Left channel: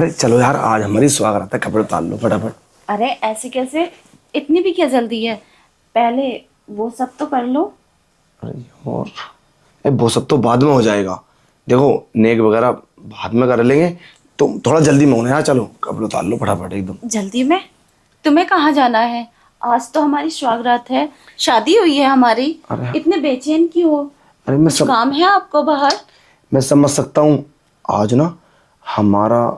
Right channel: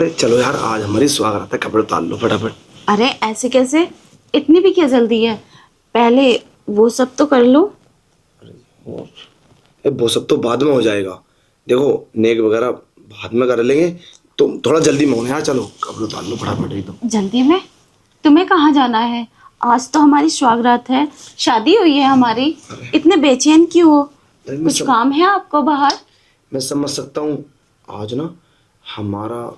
अरे चलो यार, आज हमारी स्वागत है, कपड़े उतार लो फटाफट। अरे ऐसे कैसे? इतनी भी क्या जल्दी है? पहले वो सब तो कर लो। अरे और वो सब तो बाद में हो जाएगा। देखो, नेक वगैरह बाद में कर लेंगे। तुम थोड़ा जल्दी में होना यार, चलो कपड़े उतार लो फटाफट एकदम। जल्दी में? तुम्हें कहाँ जाना है? आज तो हमारी स्वागरात है, शादी हुई है हमारी। अरे इतने बेचैन क्यों हो? अरे मैं कुछ सब काम है आपको बाहर? मैं समझ सकता हूँ। आज ना हमारा,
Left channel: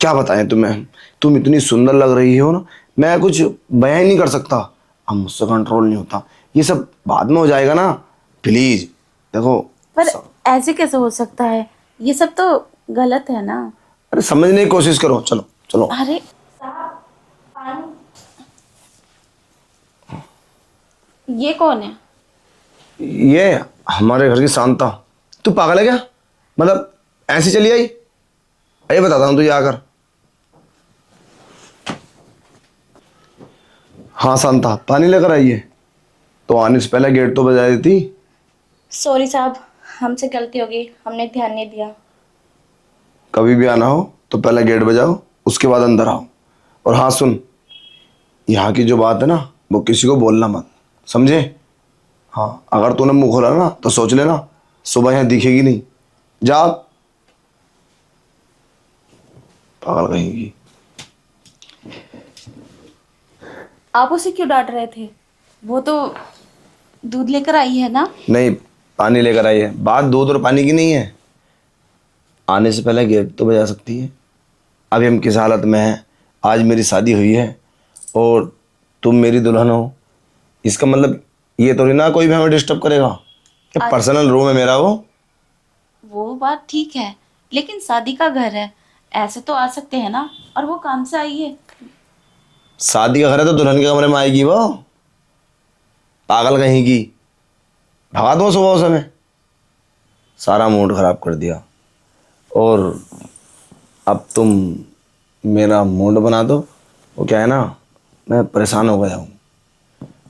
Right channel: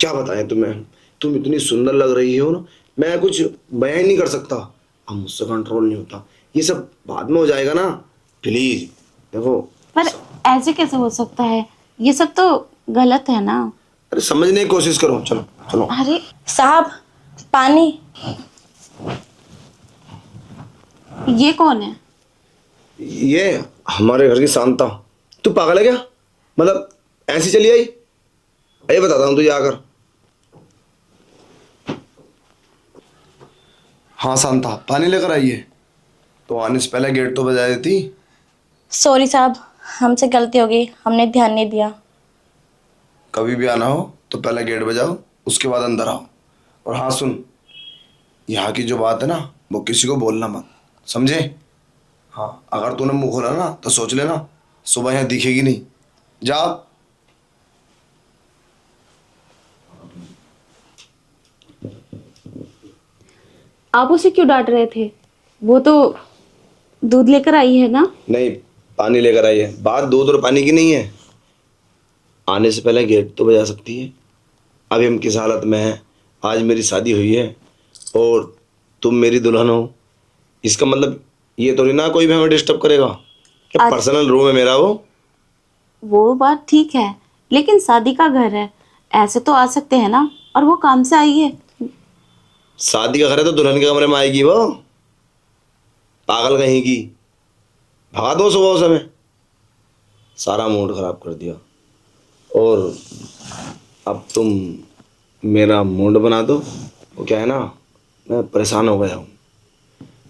क्या बताएं तुम्हें, तुम इतनी सुंदर लग रही हो ना, मैं कुछ बयां ही नहीं कर सकता। अब मुझसे कंट्रोल नहीं होता। ये सब बाद में हो जाएगा ना, प्लीज। देखो पर ऐसे कैसे हो सकता है? ये सब तो गलत है ना। अरे समझने की कोशिश करो, चलो चलो। अरे साहब, पानी। ये कौन है? ये हमारे घर की शांता। तू पागल है क्या? मतलब ऐसे चली आई? ये बताता हूँ तुझे आकर। हाँ शांता, पानी लेकर आई है तो आने से पहले गेट तो बजा देती। सॉरी साहब, हमसे गलती हो गई, हमने ध्यान नहीं दिया। कभी भी आना हो तो पहले गेट बजाओ, उसके बाद अंदर आओ। और हाँ सुन, यहाँ की जो बात है ना, वो किसी को बोलना मत, समझे? हाँ, अगर तूने मुंह खोला ना तो सोच लेना सुबह यहाँ दिखेगी नहीं। जा। पागल कहेगी। आप उसे क्यों डांट रहे थे? वो तो दूध लेकर आई है ना। नहीं, पानी लेकर आई है। बात दूध और पानी की नहीं है। आने से पहले गेट तो बजा सकती है। अभी हम किस हालत में हैं, आज मेरी शादी हुई है और तुम मेरी दुल्हन हो। इसका मतलब ये तो नहीं ना कोई भी हमें डिस्टर्ब करेगा। क्या आज पर्सनल रूम है मेरा वो बात ठीक है, लेकिन शादी का घर है, ऐसे तो आ सकते हैं ना। और वो काम से आई है। शादी का घर है तो दुल्हन के कमरे में आएगी वो? पागल कहीं की। भगा दो सुबह उसे। सारा मूड खराब कर दिया। और अब तुम मेरा मूड बना दो। वो क्या है ना, मैं परेशान हो गया हूँ,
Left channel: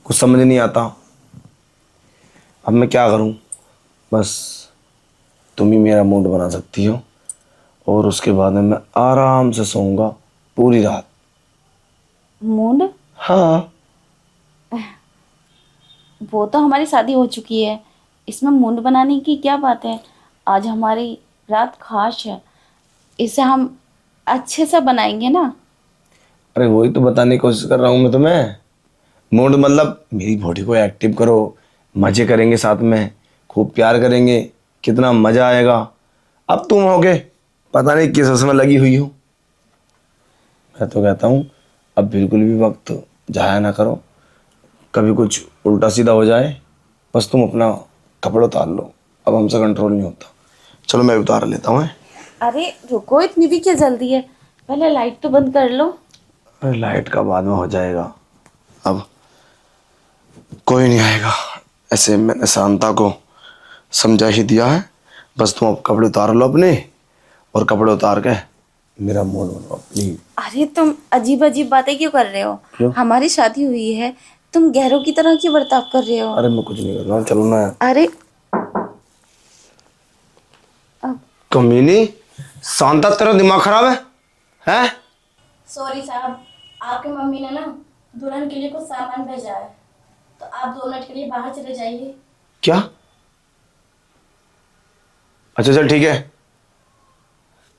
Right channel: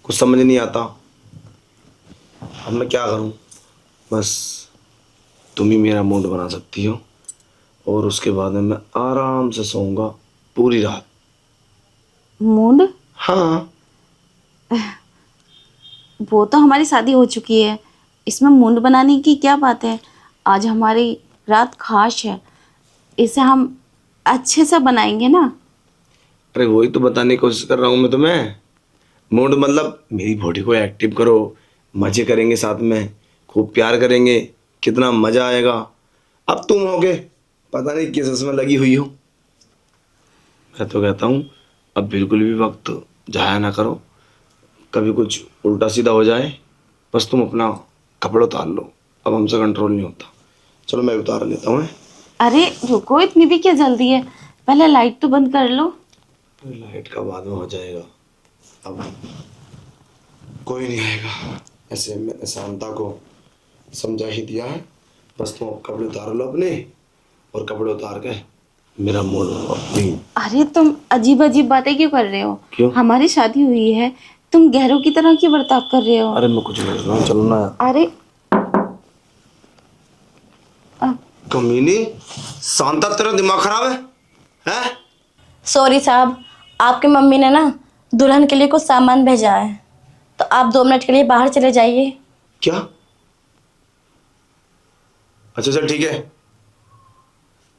कुछ समझ नहीं आता। अब मैं क्या करूँ? बस तुम ही मेरा मूड बना सकती हो, और उसके बाद में मैं आराम से सोऊंगा पूरी रात। मूड? हाँ। वो तो हमारी शादी हो चुकी है, इसमें मूड बनाने की क्या बात है? आज हमारी रात खास है, इसे हम अच्छे से बनाएंगे ना। अरे वही तो बताने की कोशिश कर रहा हूँ मैं तुम्हें। मूड मतलब मेरी बॉडी को एक्टिव करो, मजे करेंगे साथ में, खूब प्यार करेंगे, कितना मजा आएगा। अब तुम होगे पता नहीं किस उसमें लगी हुई हो। मैं तो कहता हूँ अब बिल्कुल भी वक्त जाया ना करो। कभी कुछ उल्टा सीधा हो जाए, बस तुम अपना कपड़े उतार लो। अब हमसे कंट्रोल नहीं होता। चलो मैं उतार लेता हूँ। अरे रुको, इतनी भी क्या जल्दी है? पहले लाइट तो बंद कर लो। अरे लाइट का बाद में हो जाएगा। अब कोई नहीं आएगा, ऐसे मैंने शांता को समझा ही दिया है। बस तुम अब कपड़े उतार लो अपने, और कपड़े उतार के मेरा मूड अपनी। अरे तुम अजीब अजीब बातें क्यों कर रहे हो? क्यों? हमारी शादी हुई है, तुम गैरों की तरह क्यों बर्ताव कर रहे हो? अरे मैं कुछ नहीं कर रहा हूँ, चलो ना यार। अरे अब कमीनी, शांता तेरा दिमाग खराब है? सॉरी साहब, आपकी मम्मी ने ना दुल्हन के लिए कुछ सामान भेजा है, तो आप 2 मिनट के लिए बाहर चले जाइए। क्या? अच्छा चल ठीक है,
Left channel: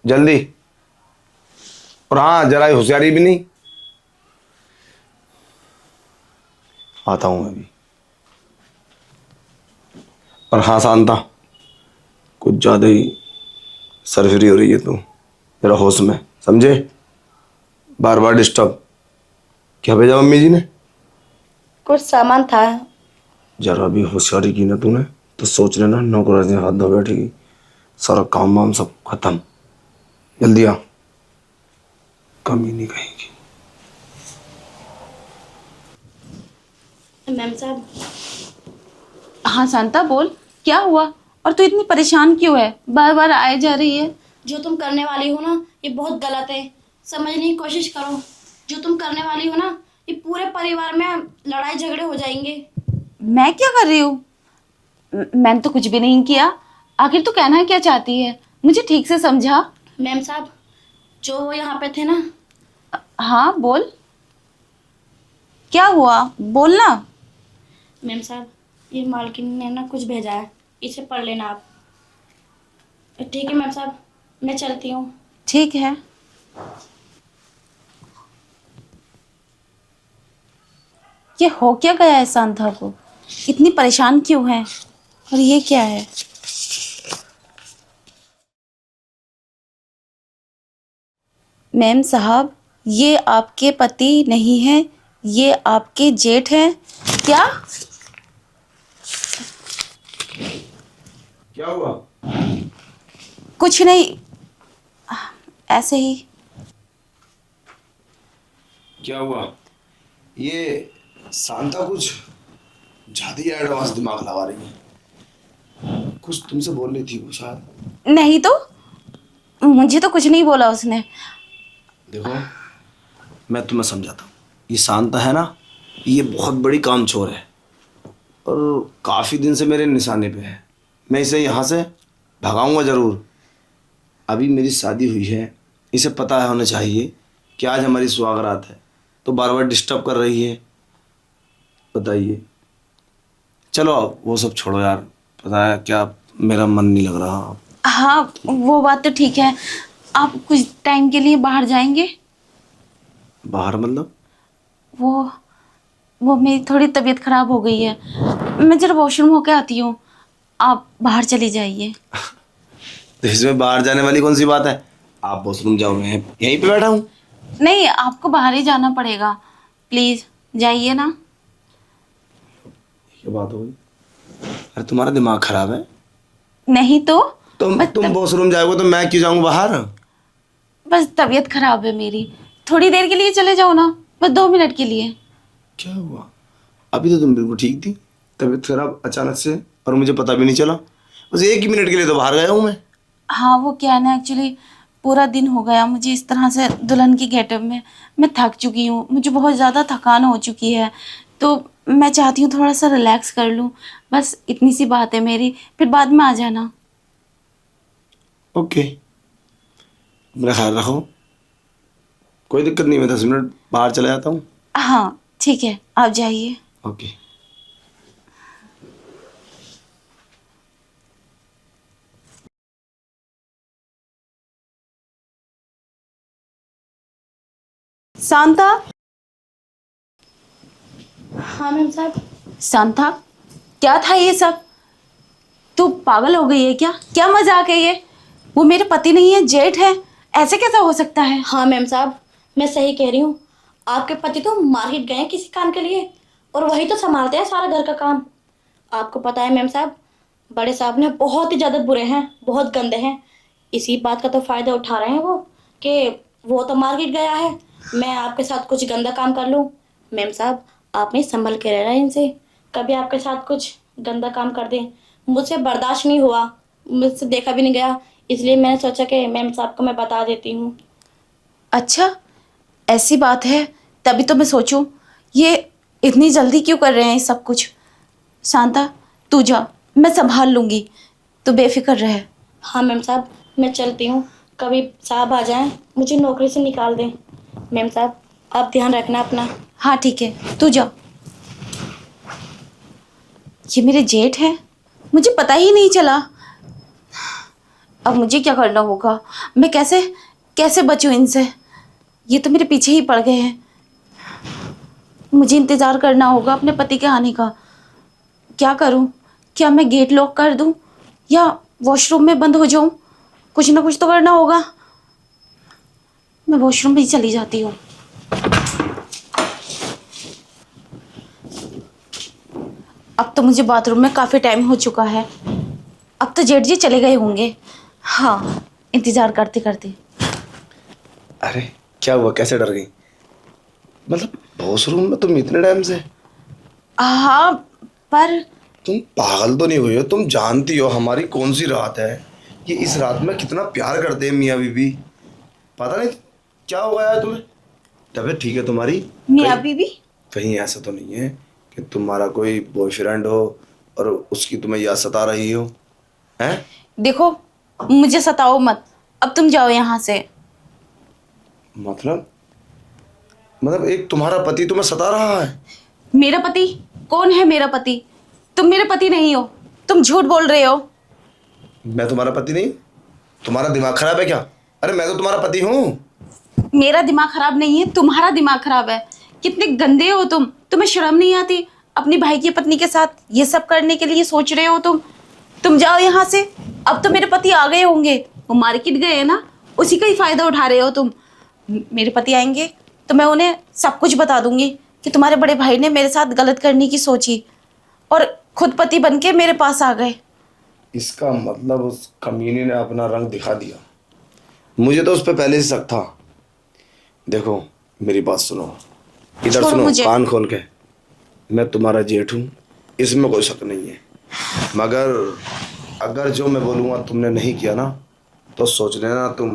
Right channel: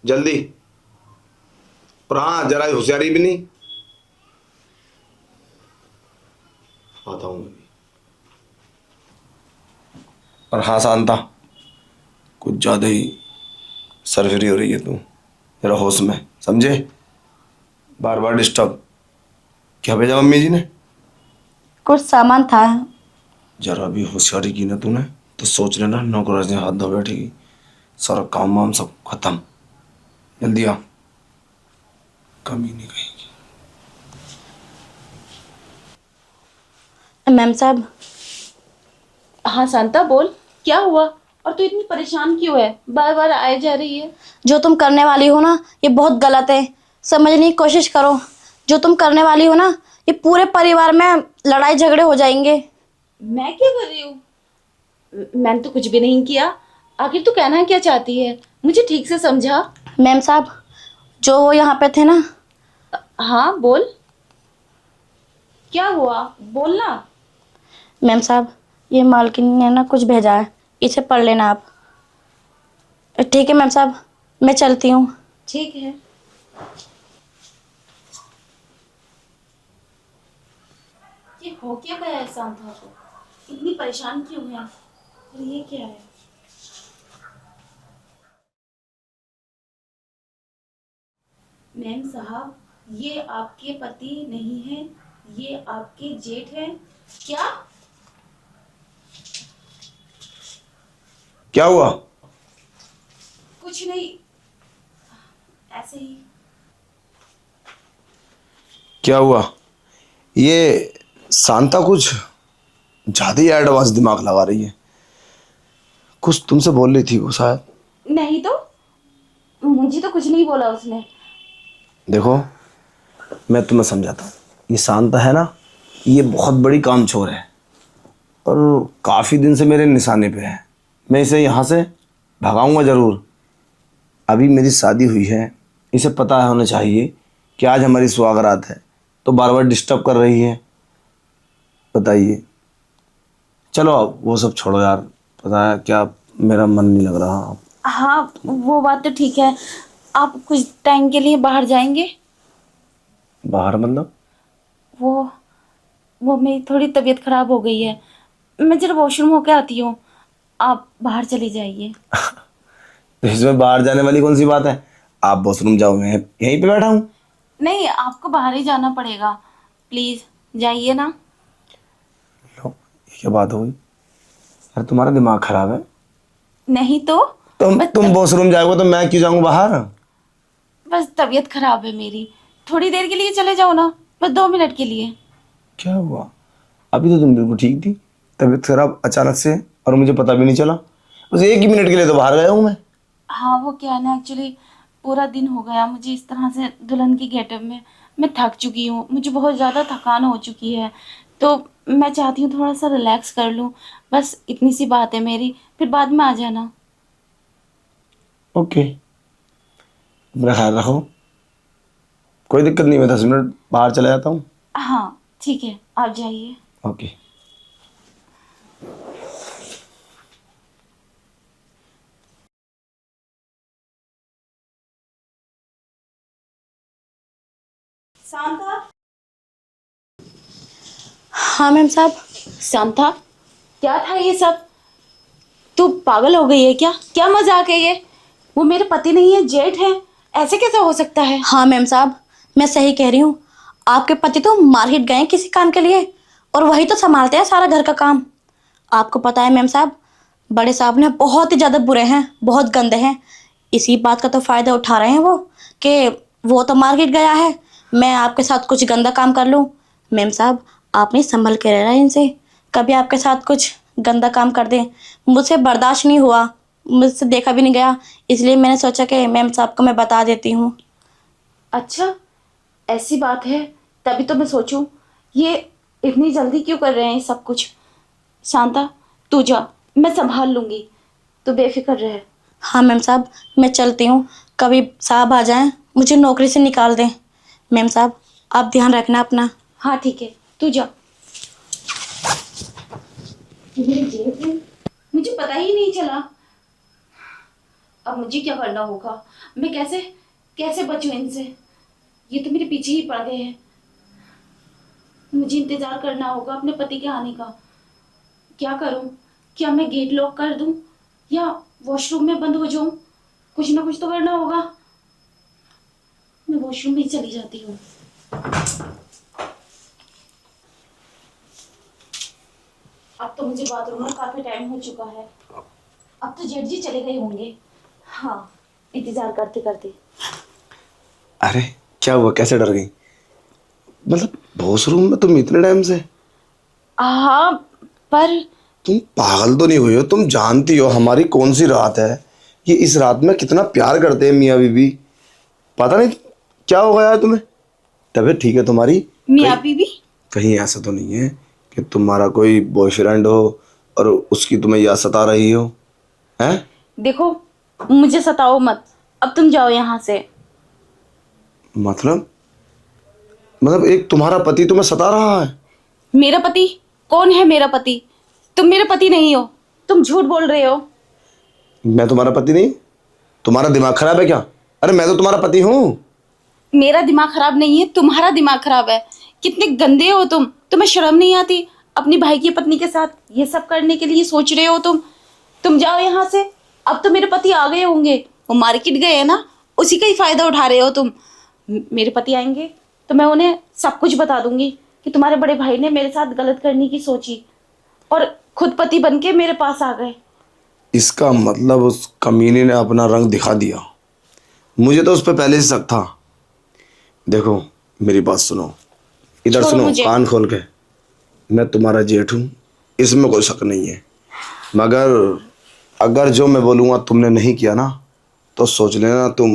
जल्दी। और हाँ, जरा होशियारी भी नहीं। आता हूँ मैं भी। और हाँ शांता, कुछ ज्यादा ही सरफरी हो रही है तू, तेरा होश में, समझे? बार बार डिस्टर्ब। क्या भेजा मम्मी जी ने? कुछ सामान था। जरा भी होशियारी की ना तूने तो सोच लेना नौकराज ने हाथ धो बैठेगी। सारा काम वाम सब खत्म। जल्दी आ। कमी नहीं कहेगी। मैम साहब, हाँ शांता बोल, क्या हुआ? और तू इतनी परेशान क्यों है? बार बार आए जा रही है। जो तुम करने वाली हो ना, ये बहुत गलत है। समझने की कोशिश करो। जो तुम करने वाली हो ना, ये पूरे परिवार में लड़ाई झगड़े हो जाएंगे। मैं क्या कर रही हूँ? मैंने तो कुछ भी नहीं किया। आखिर तू कहना क्या चाहती है? मुझे ठीक से समझा। मैम साहब, जो वो यहाँ पे थे ना, हाँ बोल, क्या हुआ, बोलना। मैम साहब ये मालकिन ने ना कुछ भेजा है, इसे पढ़ लेना आप। ठीक है मैम साहब, मैं चलती हूँ। ठीक है। ये हो क्या गया है सांता को, इतनी परेशान क्यों है, और ये क्या है। मैम साहब, ये आपके पति नहीं हैं, ये आपके जेठ हैं। क्या? क्या हुआ? कुछ नहीं, ऐसे ही। क्या हुआ? ये शांता कुछ ज्यादा ही एडवांस दिमाग लगा रही है। कुछ तुमसे बोल रही थी वो शायद। नहीं तो, मुझे तो कुछ नहीं बोला उसने। देखो, मैं तुम्हें समझाता हूँ। ये शांता है ना, ये बहुत बड़ी कामचोर है और काफ़ी दिन से मेरे निशाने पे है। मैं इसे यहाँ से भगाऊंगा ज़रूर। अभी मेरी शादी हुई है, इसे पता होना चाहिए कि आज हमारी सुहागरात है, तो बार बार डिस्टर्ब कर रही है। बताइए। चलो अब वो सब छोड़ो यार, पता है क्या, मेरा मन नहीं लग रहा। हाँ वो बात तो ठीक है, आप कुछ टाइम के लिए बाहर जाएंगे। बाहर मतलब? वो मेरी थोड़ी तबीयत खराब हो गई है, मैं जरा वॉशरूम होके आती हूँ, आप बाहर चली जाइए। तो इसमें बाहर जाने वाली कौन सी बात है? आप वॉशरूम जाओ, मैं यहीं पे बैठा हूँ। नहीं, आपको बाहर ही जाना पड़ेगा, प्लीज जाइए ना। लो, ये क्या बात हो गई? अरे तुम्हारा दिमाग खराब है। नहीं तो, तुम वॉशरूम जाओगे तो मैं क्यों जाऊंगा बाहर? बस तबीयत खराब है मेरी, थोड़ी देर के लिए चले जाओ ना, बस 2 मिनट के लिए। क्या हुआ? अभी तो तुम बिल्कुल ठीक थी, तबीयत खराब अचानक से और मुझे पता भी नहीं चला। बस 1 ही मिनट के लिए तो बाहर गया हूँ मैं। हाँ वो क्या है ना, एक्चुअली पूरा दिन हो गया मुझे इस तरह से दुल्हन की गेटअप में, मैं थक चुकी हूँ, मुझे बहुत ज़्यादा थकान हो चुकी है, तो मैं चाहती हूँ थोड़ा सा रिलैक्स कर लूँ, बस इतनी सी बात है मेरी, फिर बाद में आ जाना। ओके, मेरा ख्याल रखो। कोई दिक्कत नहीं, मैं 10 मिनट बाहर चला जाता हूँ। हाँ ठीक है, आप जाइए। ओके। शांता। हाँ मैम साहब। शांता, क्या था ये सब, तू पागल हो गई है क्या, क्या मजाक है ये, वो मेरे पति नहीं है, जेठ है, ऐसे कैसा हो सकता है। हाँ मैम साहब, मैं सही कह रही हूँ। आपके पति तो मार्केट गए हैं किसी काम के लिए, और वही तो संभालते हैं सारा घर का काम। आपको पता है मैम साहब, बड़े साहब ने बहुत ही ज़्यादा बुरे हैं, बहुत गंदे हैं। इसी बात का तो फ़ायदा उठा रहे हैं वो, कि वो तो मार्केट गया है, मैं आपके साथ कुछ गंदा काम कर लूँ। मैम साहब आपने संभल के रहना इनसे, कभी आपके साथ कुछ गंदा काम कर दें। मुझसे बर्दाश्त नहीं हुआ, मुझसे देखा भी नहीं गया, इसलिए मैंने सोचा कि मैम साहब को मैं बता देती हूँ। अच्छा, ऐसी बात है, तभी तो मैं सोचूं ये इतनी जल्दी क्यों कर रहे हैं ये सब कुछ। शांता तू जा, मैं संभाल लूंगी, तू बेफिक्र रहे। हाँ मैम साहब, मैं चलती हूँ, कभी साहब आ जाएं मुझे नौकरी से निकाल दें। मैम साहब आप ध्यान रखना अपना। हाँ ठीक है, तू जा। ये मेरे जेठ हैं, मुझे पता ही नहीं चला। अब मुझे क्या करना होगा, मैं कैसे कैसे बचूं इनसे, ये तो मेरे पीछे ही पड़ गए हैं। मुझे इंतज़ार करना होगा अपने पति के आने का। क्या करूं, क्या मैं गेट लॉक कर दूं या वॉशरूम में बंद हो जाऊं, कुछ ना कुछ तो करना होगा। मैं वॉशरूम में ही चली जाती हूँ। अब तो मुझे बाथरूम में काफ़ी टाइम हो चुका है, अब तो जेठ जी चले गए होंगे। हाँ, इंतज़ार करते करते। अरे क्या हुआ, कैसे डर गई? मतलब वॉशरूम में तुम इतने टाइम से? हाँ पर तुम पागल तो नहीं हुई हो? तुम जानती हो हमारी कौन सी रात है, कि इस रात में कितना प्यार करते हैं मियाँ बीबी। पता नहीं क्या हो गया है तुम्हें। तबीयत ठीक है तुम्हारी? मियाँ बीवी, कहीं ऐसा तो नहीं है कि तुम्हारा कोई बॉयफ्रेंड हो और उसकी तुम्हें याद सता रही हो? हैं? देखो मुझे सताओ मत, अब तुम जाओ यहाँ से। मतलब एक तुम्हारा पति तुम्हें सता रहा है? मेरा पति? कौन है मेरा पति? तुम मेरा पति नहीं हो, तुम झूठ बोल रहे हो। मैं तुम्हारा पति नहीं? तुम्हारा दिमाग खराब है क्या? अरे मैं तो तुम्हारा पति हूँ। मेरा दिमाग खराब नहीं है, तुम्हारा दिमाग खराब है। कितने गंदे हो तुम, तुम्हें शर्म नहीं आती? अपनी भाई की पत्नी के साथ ये सब करने के लिए सोच रहे हो तुम जाओ यहाँ से। अब तो मेरे पति आ गए होंगे, वो मार्केट गए हैं ना, उसी का ही फायदा उठा रहे हो तुम। मेरे पति आएंगे तो मैं उन्हें सब कुछ बता दूंगी कि तुम्हारे बड़े भाई ने मेरे साथ गलत करने की सोची और खुद पति बन के मेरे पास आ गए। इसका मतलब उस कमीने ने अपना रंग दिखा दिया। मुझे तो उस पर पहले से शक था। देखो मेरी बात सुनो, इधर छोड़ो सुनो, मुझे। कान खोल के। मैं तुम्हारा जेठ हूँ, इसमें कोई शक नहीं है, मगर अगर जो मैं बोलूँगा तुमने नहीं किया ना तो सोच लेना तुम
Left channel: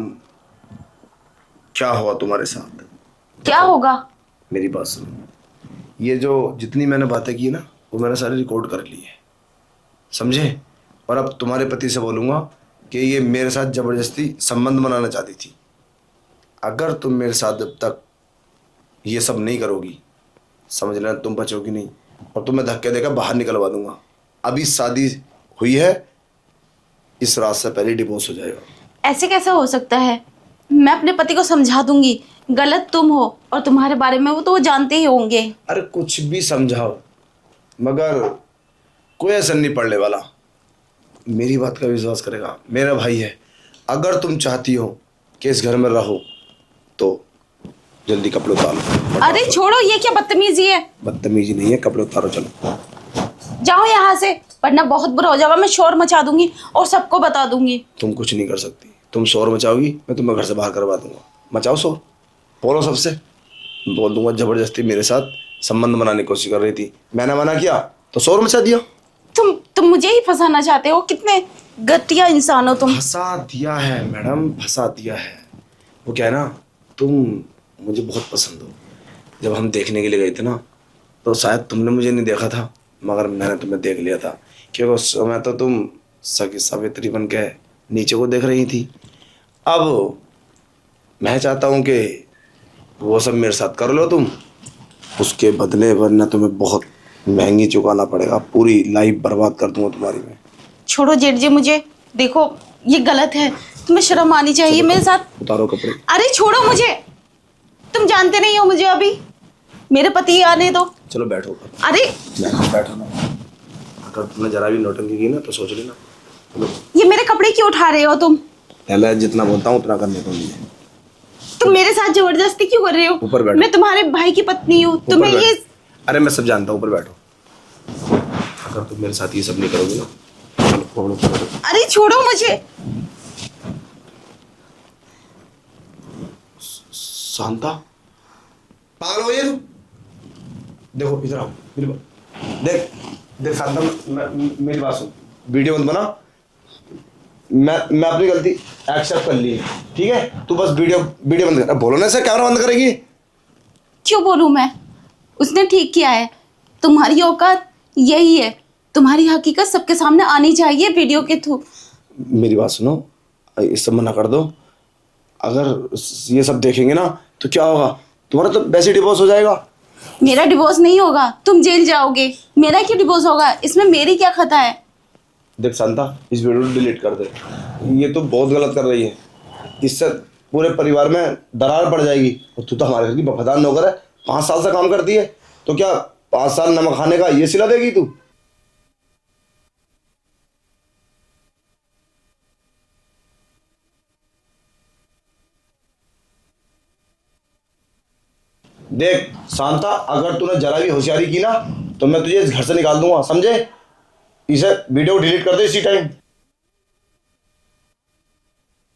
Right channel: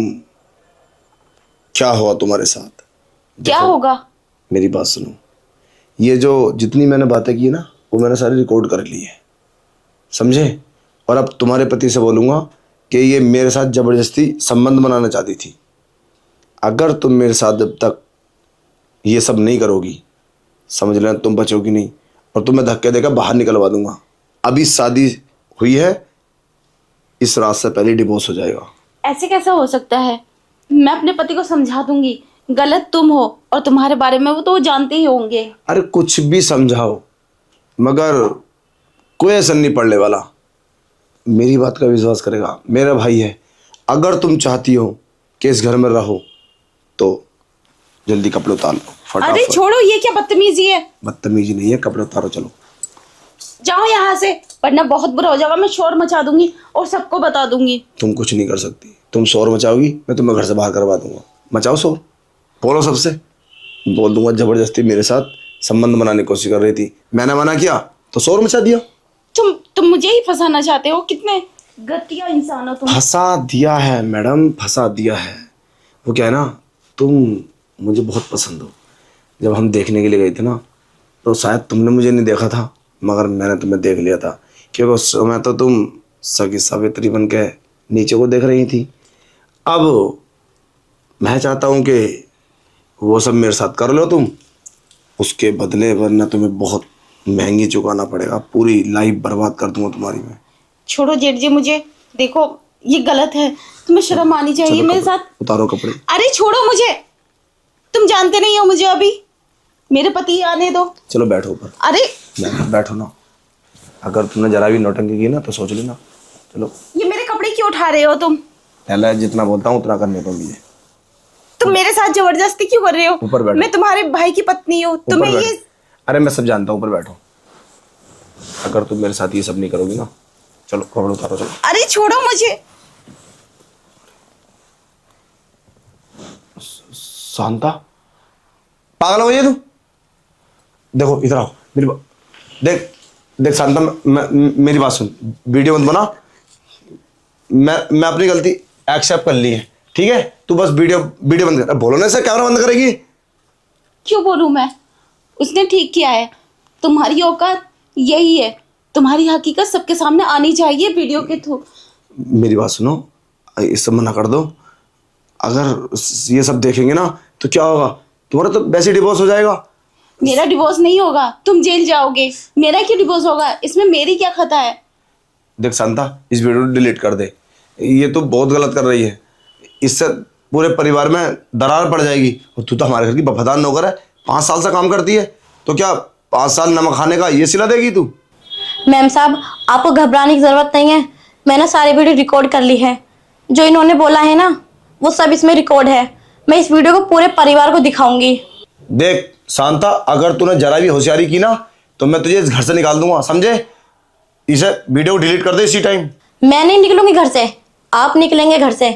क्या हुआ तुम्हारे साथ। क्या देखो, होगा? मेरी बात सुनो, ये जो जितनी मैंने बातें की ना वो मैंने सारी रिकॉर्ड कर ली है, समझे? और अब तुम्हारे पति से बोलूँगा कि ये मेरे साथ ज़बरदस्ती संबंध बनाना चाहती थी। अगर तुम मेरे साथ जब तक ये सब नहीं करोगी, समझ लेना तुम बचोगी नहीं और तुम्हें धक्के देकर बाहर निकलवा दूंगा। अभी शादी हुई है, इस रात से पहले डिवोर्स हो जाएगा। ऐसे कैसा हो सकता है? मैं अपने पति को समझा दूंगी, गलत तुम हो और तुम्हारे बारे में वो जानते ही होंगे। अरे कुछ भी समझाओ मगर कोई असर नहीं पड़ने वाला। मेरी बात का विश्वास करेगा, मेरा भाई है। अगर तुम चाहती हो कि इस घर में रहो तो जल्दी कपड़े उतारो। अरे छोड़ो, ये क्या बदतमीजी है? बदतमीजी नहीं है, कपड़े उतारो, चलो जाओ यहाँ से, वरना बहुत बुरा हो जाएगा। मैं शोर मचा दूंगी और सबको बता दूंगी। तुम कुछ नहीं कर सकती। तुम शोर मचाओगी, मैं तुम्हें घर से बाहर करवा दूंगा। मचाओ शोर, बोलो सबसे, बोल दूंगा जबरदस्ती मेरे साथ संबंध बनाने की कोशिश कर रही थी, मैंने मना किया तो शोर मचा दिया। तुम मुझे ही फंसाना चाहते हो? कितने घटिया इंसान हो तुम। फंसा दिया है मैडम, फंसा दिया है। वो क्या है ना, तुम मुझे बहुत पसंद हो। जब हम देखने के लिए गए थे ना तो शायद तुमने मुझे नहीं देखा था, मगर मैंने तुम्हें देख लिया था, क्योंकि उस समय तो तुम सगी सावित्री बन के नीचे को देख रही थी। अब मैं चाहता हूँ कि वो सब मेरे साथ कर लो तुम, उसके बदले वरना तुम्हें बहुत महंगी चुकाना पड़ेगा। पूरी लाइफ बर्बाद कर दूंगा तुम्हारी मैं। छोड़ो जेठ जी, मुझे देखो ये गलत है, तुम्हें शर्म आनी चाहिए मेरे साथ। उतारो कपड़े। अरे छोड़ो मुझे, तुम जानते नहीं हो मुझे, अभी मेरे पति आने दो। चलो बैठो ऊपर। अरे बैठो ना, अगर तुमने जरा भी नौटंकी की ना तो सोच लेना। ये मेरे कपड़े क्यों उठा रहे हो तुम? पहले जितना बोलता हूँ उतना करने दो मुझे। तुम मेरे साथ जबरदस्ती क्यों कर रहे हो? ऊपर बैठो। मैं तुम्हारे भाई की पत्नी हूँ, तुम्हें ऊपर ये। बैठो। अरे मैं सब जानता हूँ, ऊपर बैठो। अगर तुम मेरे साथ ये सब नहीं करोगी ना, चलो कपड़ों को बैठो। अरे छोड़ो मुझे। शांता, पागल हो गई है तू? देखो इधर आओ, देख शांता, मेरी बात सुन, वीडियो मत बना। मैं अपनी गलती एक्सेप्ट कर ली है, ठीक है? तू बस वीडियो बंद कर। बोलो ना, ऐसे कैमरा बंद करेगी? क्यों बोलूं मैं? उसने ठीक किया है। तुम्हारी औकात यही है, तुम्हारी हकीकत सबके सामने आनी चाहिए वीडियो के थ्रू। मेरी बात सुनो, इस सब मना कर दो। अगर ये सब देखेंगे ना तो क्या होगा, तुम्हारा तो वैसे डिवोर्स हो जाएगा। मेरा डिवोर्स नहीं होगा, तुम जेल जाओगे। मेरा क्यों डिवोर्स होगा? इसमें मेरी क्या खता है? देख शांता, इस वीडियो को डिलीट कर दे। ये तो बहुत गलत कर रही है, इससे पूरे परिवार में दरार पड़ जाएगी। और तू तो हमारे घर की वफादार नौकर है, 5 साल से काम करती है, तो क्या 5 साल नमक खाने का ये सिला देगी तू? मैम साहब, आपको घबराने की ज़रूरत नहीं है। मैंने सारी वीडियो रिकॉर्ड कर ली है। जो इन्होंने बोला है ना वो सब इसमें रिकॉर्ड है। मैं इस वीडियो को पूरे परिवार को दिखाऊंगी। देख शांता, अगर तूने जरा भी होशियारी की ना तो मैं तुझे इस घर से निकाल दूंगा, समझे? इसे वीडियो को डिलीट कर दे इसी टाइम। मैं नहीं निकलूंगी घर से, आप निकलेंगे घर से,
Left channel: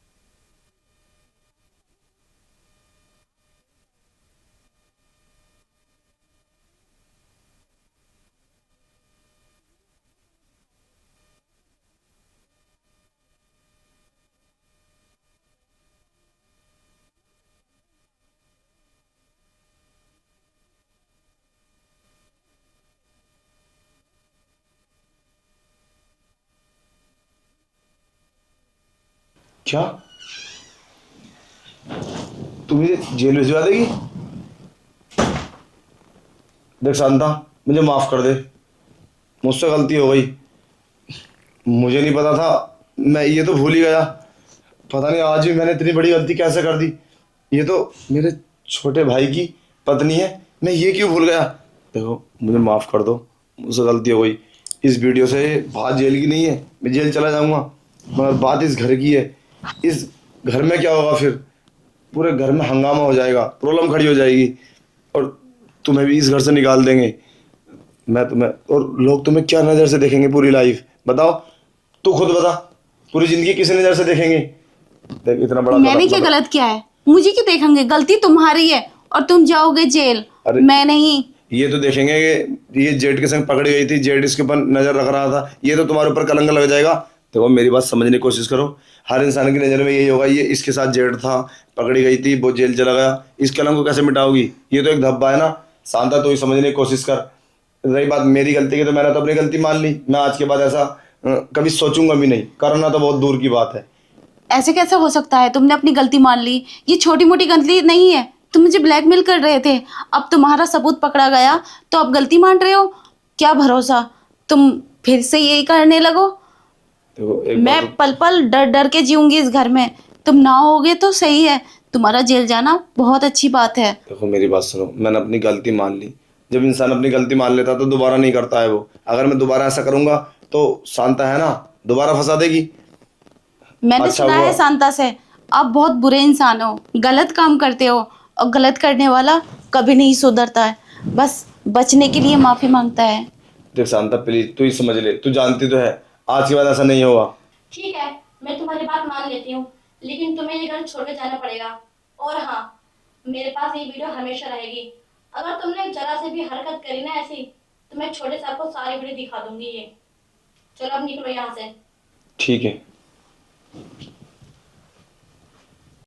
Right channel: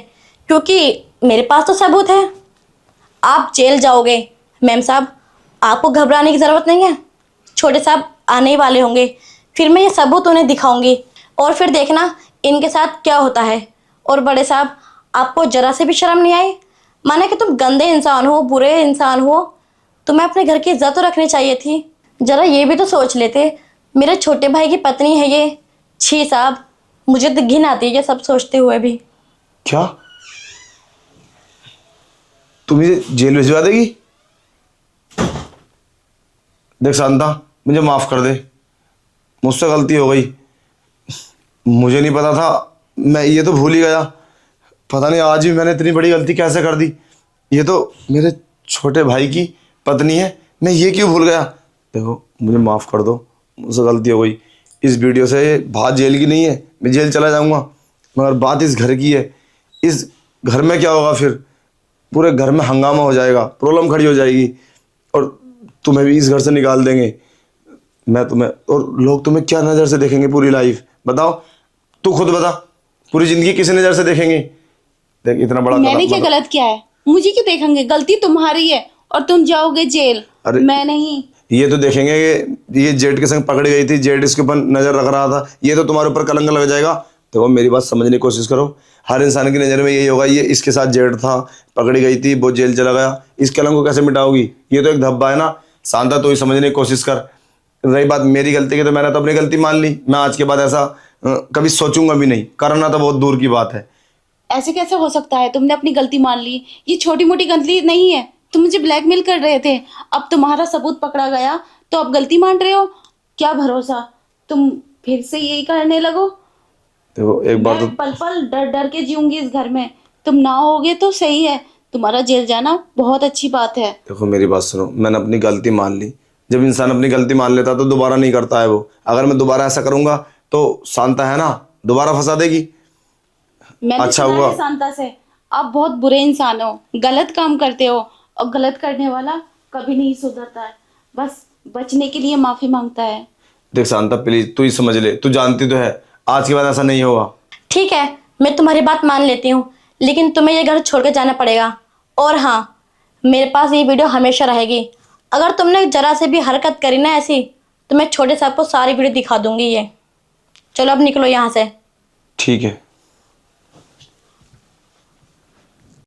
क्योंकि मेरे पास तो सबूत है। आप जेल जाओगे। मैम साहब, आपको घबराने की ज़रूरत नहीं है। छोटे साहब आने ही वाले होंगे, फिर मैं ये सबूत उन्हें दिखाऊंगी और फिर देखना इनके साथ क्या होता है। और बड़े साहब, आपको जरा से भी शर्म नहीं आई? माने कि तुम गंदे इंसान हो, बुरे इंसान हो, तुम्हें अपने घर की इज्जत तो रखनी चाहिए थी। जरा ये भी तो सोच लेते, मेरे छोटे भाई की पत्नी है ये। छी साहब, मुझे तो घिन आती है ये सब सोचते हुए भी। क्या तू मुझे जेल भिजवा देगी? देख शांता, मुझे माफ कर दे, मुझसे गलती हो गई। मुझे नहीं पता था, मैं ये तो भूल ही गया। पता नहीं आज भी मैंने इतनी बड़ी गलती कैसे कर दी। ये तो मेरे छोटे भाई की पत्नी है, मैं ये क्यों भूल गया। देखो मुझे माफ़ कर दो, मुझसे गलती हो गई। इस वीडियो से बात जेल की नहीं है, मैं जेल चला जाऊंगा, मगर बात इस घर की है। इस घर में क्या होगा फिर? पूरे घर में हंगामा हो जाएगा, प्रॉब्लम खड़ी हो जाएगी और तुम्हें भी इस घर से निकाल देंगे। मैं तुम्हें और लोग तुम्हें क्या नज़र से देखेंगे पूरी लाइफ? बताओ, तू खुद बता, पूरी जिंदगी किस नज़र से देखेंगे? देख इतना बड़ा मैंने कदम क्या मतलब- गलत किया है? मुझे क्यों देखेंगे? गलती तुम्हारी है और तुम जाओगे जेल, अरे, मैं नहीं। ये तो देखेंगे ये जेड के संग पकड़ी गई थी, जेड इसके ऊपर नजर रख रहा था, ये तो तुम्हारे ऊपर कलंक लग जाएगा। देखो मेरी बात समझने की कोशिश करो, हर इंसान की नज़र में यही होगा, ये इसके साथ जेड था, पकड़ी गई थी, वो जेल चला गया, इस कलंक को कैसे मिटाओगी? ये तो एक धब्बा है ना। शांता तो ही समझने की कोशिश कर। रही बात मेरी गलती की, तो मैंने तो अपनी गलती मान ली। मैं आज के बाद ऐसा कभी सोचूंगा भी नहीं, करना तो बहुत दूर की बात है। ऐसे कैसे हो सकता है? तुमने अपनी गलती मान ली, ये छोटी मोटी गलती नहीं है। तुम मुझे ब्लैकमेल कर रहे थे, अब तुम्हारा सबूत पकड़ा गया तो अब गलती मान रहे हो? क्या भरोसा तुम फिर से यही करने लगो? देखो एक बात मैं पल पल डर डर के जीऊंगी इस घर में। तुम ना होगे तो सही है, तुम्हारा जेल जाना बहुत अच्छी बात है। देखो मेरी बात सुनो, मैंने अपनी गलती मान ली। जब इंसान अपनी गलती मान लेता तो दोबारा नहीं करता है वो। अगर मैं दोबारा ऐसा करूंगा तो शांता है ना, दोबारा फंसा देगी। मैंने अच्छा सुना हुआ। है शांता से, आप बहुत बुरे इंसान हो, गलत काम करते हो और गलत करने वाला कभी नहीं सुधरता है, बस बचने के लिए माफी मांगता है। देख शांता प्लीज, तू ही समझ ले, तू जानती तो है आज के बाद ऐसा नहीं होगा। ठीक है, मैं तुम्हारी बात मान लेती हूँ, लेकिन तुम्हें ये घर छोड़ के जाना पड़ेगा। और हाँ, मेरे पास ये वीडियो हमेशा रहेगी। अगर तुमने जरा से भी हरकत करी ना ऐसी, तो मैं छोटे साहब को सारी वीडियो दिखा दूंगी ये। चलो अब निकलो यहाँ से। ठीक है।